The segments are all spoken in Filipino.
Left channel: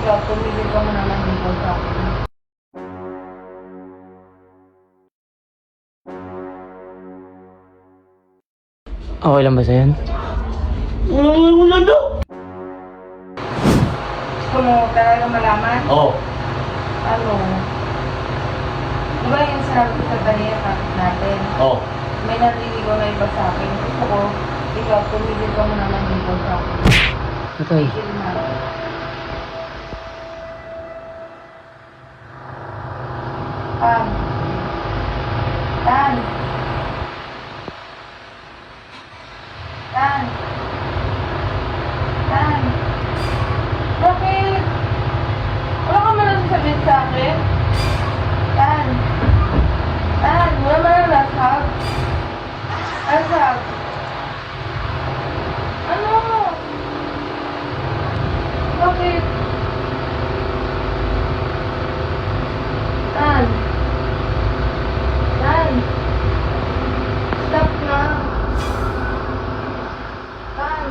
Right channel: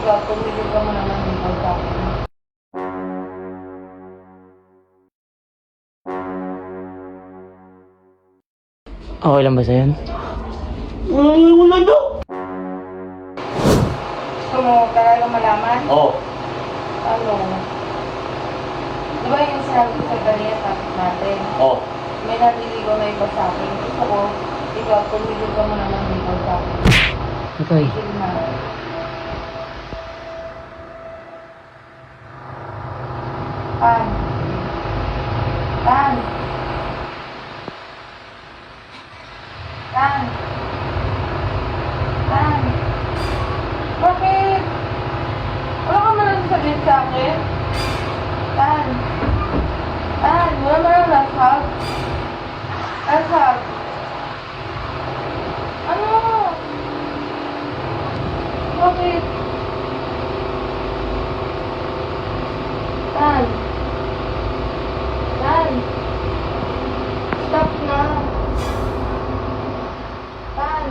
ikaw, pumili ka mo naman dito sa akin. Okay lang ba sa'yo? Wala na. Gusto mo talaga malaman? Oo. Ano? Di ba yung sabi ko sa kanina, topic natin? Oo. May naliligaw na iba sa akin. Gusto ko, ikaw, pumili ka mo naman dito sa akin. Patay. Tigil na. An. An. An. An. Bakit? Wala ka na lang sabihin sa akin? An. An, wala mo na laptop? Laptop. Ano? Bakit? An. An. Stop na. An.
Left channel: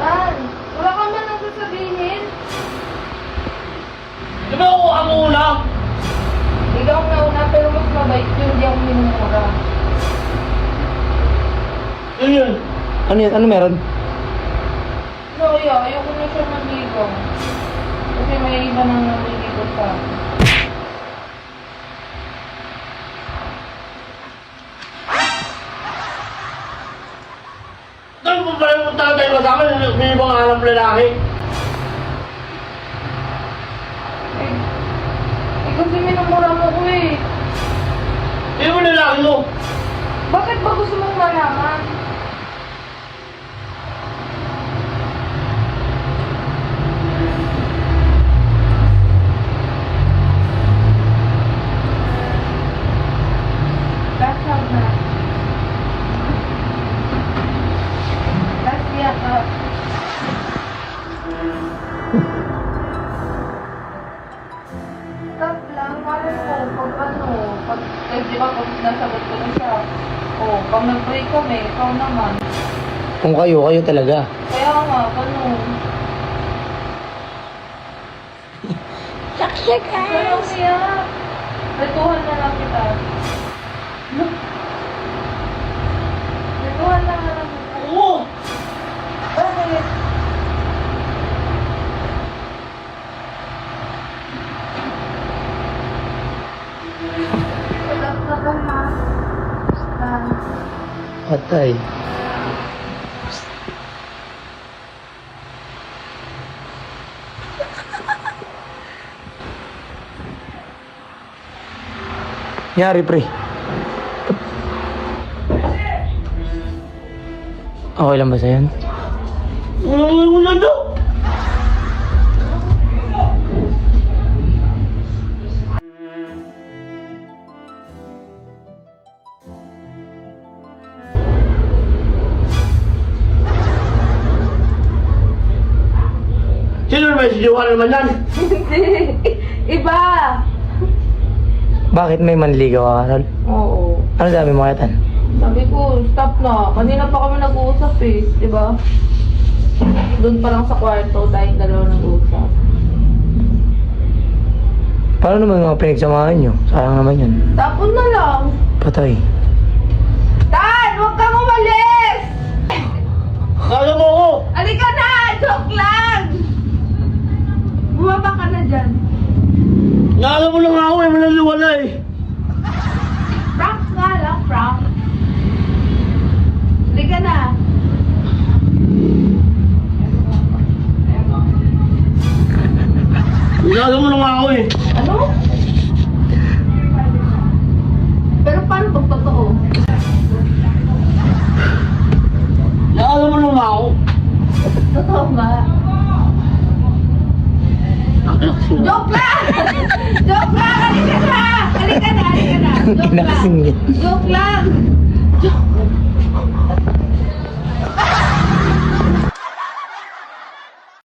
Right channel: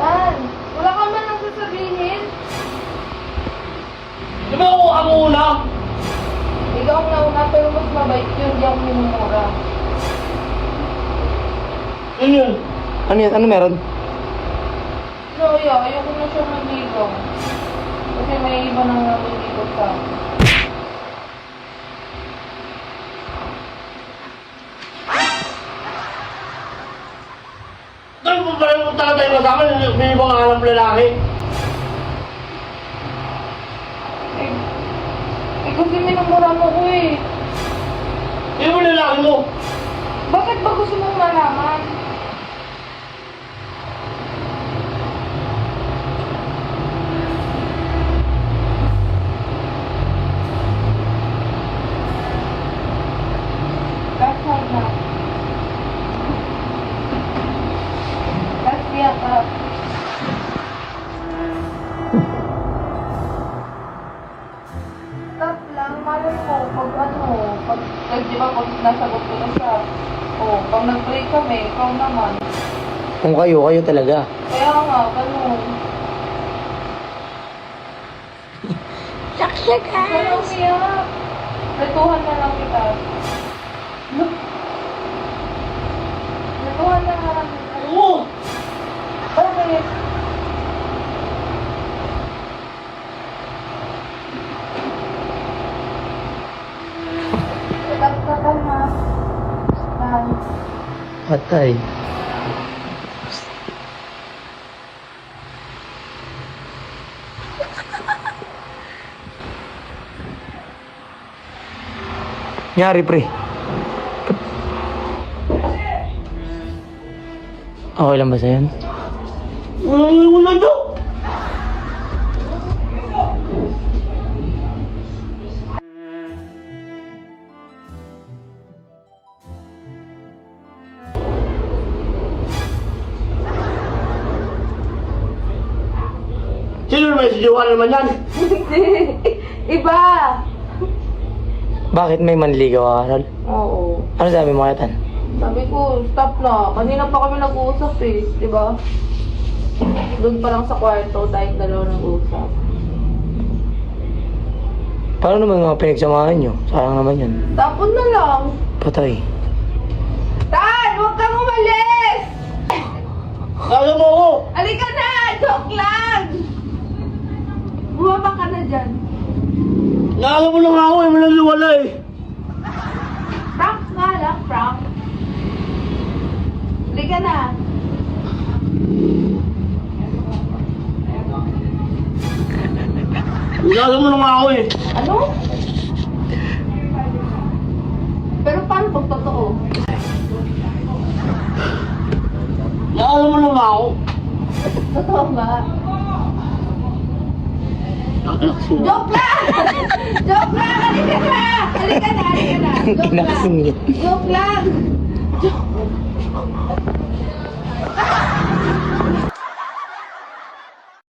An. Wala ka na nagsasabihin. Sino ako una? Ikaw na una, pero mas mabait yun. Hindi ako minumura. Ano yun? Ano yan? Ano meron? Sorry ayoko na siya manligaw. Kasi may iba nang manligaw sa akin. Saan mo ba yung tatay mo sa akin? May ibang alam lalaki. Ikaw din minumura mo ko eh. Sino yung lalaki mo? Bakit ba gusto mong malaman? That's not na. That's yeah, Stop lang, malay mo, di ba pag nasagot ko na siya, pag nag-break kami, ikaw naman. Kung kayo talaga. Kaya nga, ganun. Saksak Pero kaya, retuhan na lang kita. Retuhan na lang kita. Oo. Ano yun? Stop na lang ha. Stop. Patay. Nyari pre. Okay lang ba sa'yo? Wala na. Sino naman si Jowa naman yan? Iba! Bakit may manligaw ka, Carol? Oo. Ano sabi mo kaya? Sabi ko, stop na. Kanina pa kami nag-uusap eh, di ba? Doon pa lang sa kwarto, tayong dalawa nag-uusap. Paano naman mga pinagsamahan nyo? Sayang naman yun. Tapon na lang. Patay. Tan! Huwag kang umalis! Kaya mo ako! Halika na! Joke lang! Bumaba ka na dyan. Kaya mo lang ako, hindi naliwala eh. Prank nga lang, prank. Halika na. Kaya mo lang ako eh. Ano? Pero paano pag totoo? Kaya mo lang ako. Totoo nga. Joke lang! Joke lang! Halika na! Halika na! Halika na! Joke lang! Kinasing niya. Joke lang!